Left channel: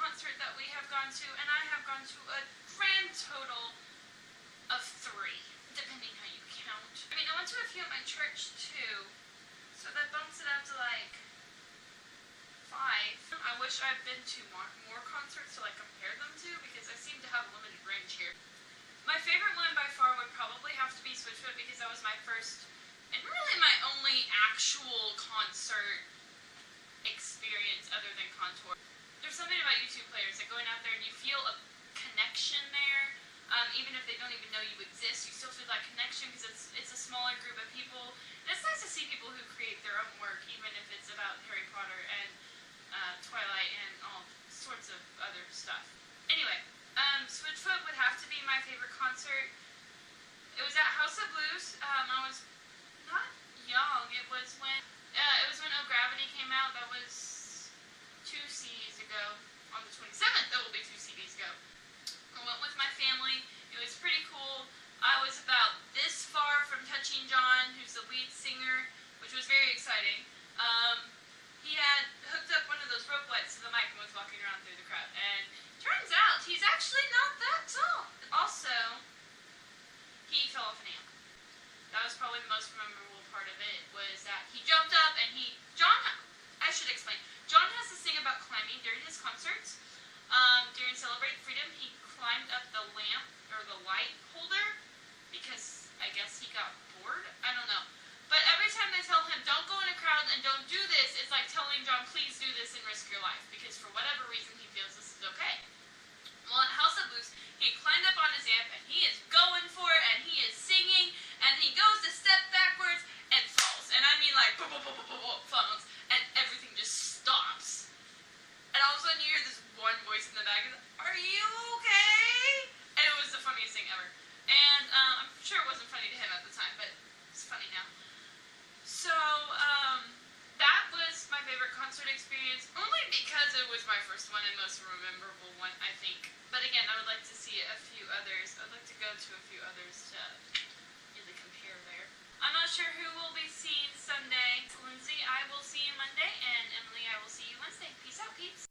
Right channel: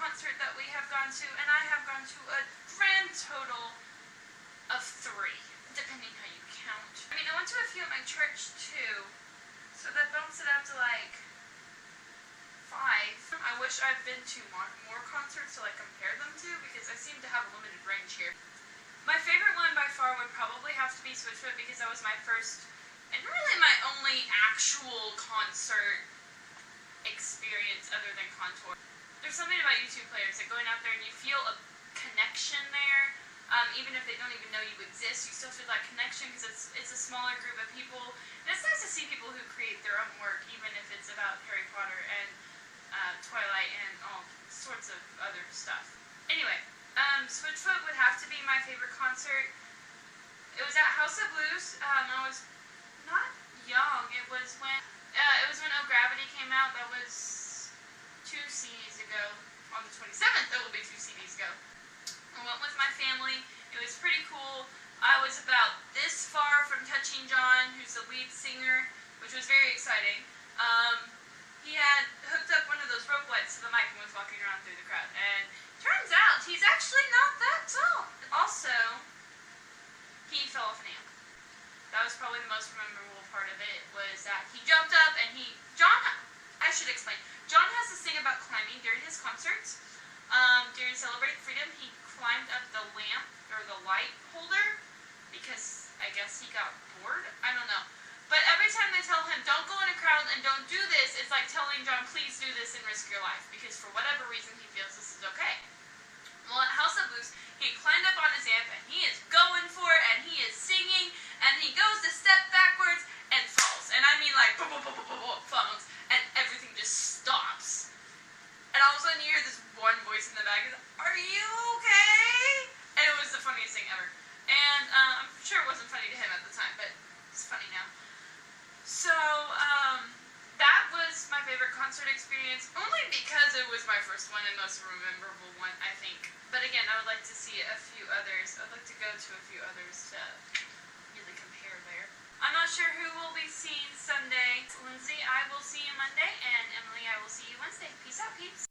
concert that we have gone to, and I have gone to a grand total of 3, depending how you count. I mean, I went to a few at my church too, so that bumps it up to like 5. I wish I'd been to more concerts to like compare them to, because I seem to have a limited range here. My favorite one by far would probably have to be Switchfoot, because that was my first and really my only actual concert experience other than Contour. There's something about YouTube players that going out there and you feel a connection there, even if they don't even know you exist, you still feel that connection because it's a smaller group of people. And it's nice to see people who create their own work, even if it's about Harry Potter and Twilight and all sorts of other stuff. Anyway, Switchfoot would have to be my favorite concert. It was at House of Blues. I was not young. It was when Oh Gravity came out. That was 2 CDs ago. On the 27th, that will be 2 CDs ago. I went with my family. It was pretty cool. I was about this far from touching John, who's the lead singer, which was very exciting. He had hooked up one of those rope lights to the mic and was walking around through the crowd. And turns out he's actually not that tall. Also, he fell off an amp. That was probably the most memorable part of it, was that he jumped up and I should explain. John has this thing about climbing during his concerts. During Celebrate Freedom, he climbed up the lamp, or the light holder, because I guess he got bored? I don't know. But every time they tell him, don't go in a crowd and don't do this, it's like telling John, please do this and risk your life, because for whatever reason he feels this is okay. Well, at House of Blues, he climbed up on his amp and he is going for it and he is singing and he goes to step backwards and falls. And I mean like falls, and everything just stops. And all of a sudden you hear this one voice in the back, are you okay? And it was the funniest thing ever. And I'm sure it wasn't funny to him at the time, but it's funny now. So, that was my favorite concert experience, only because it was my first one and most memorable one, I think. But again, I would like to see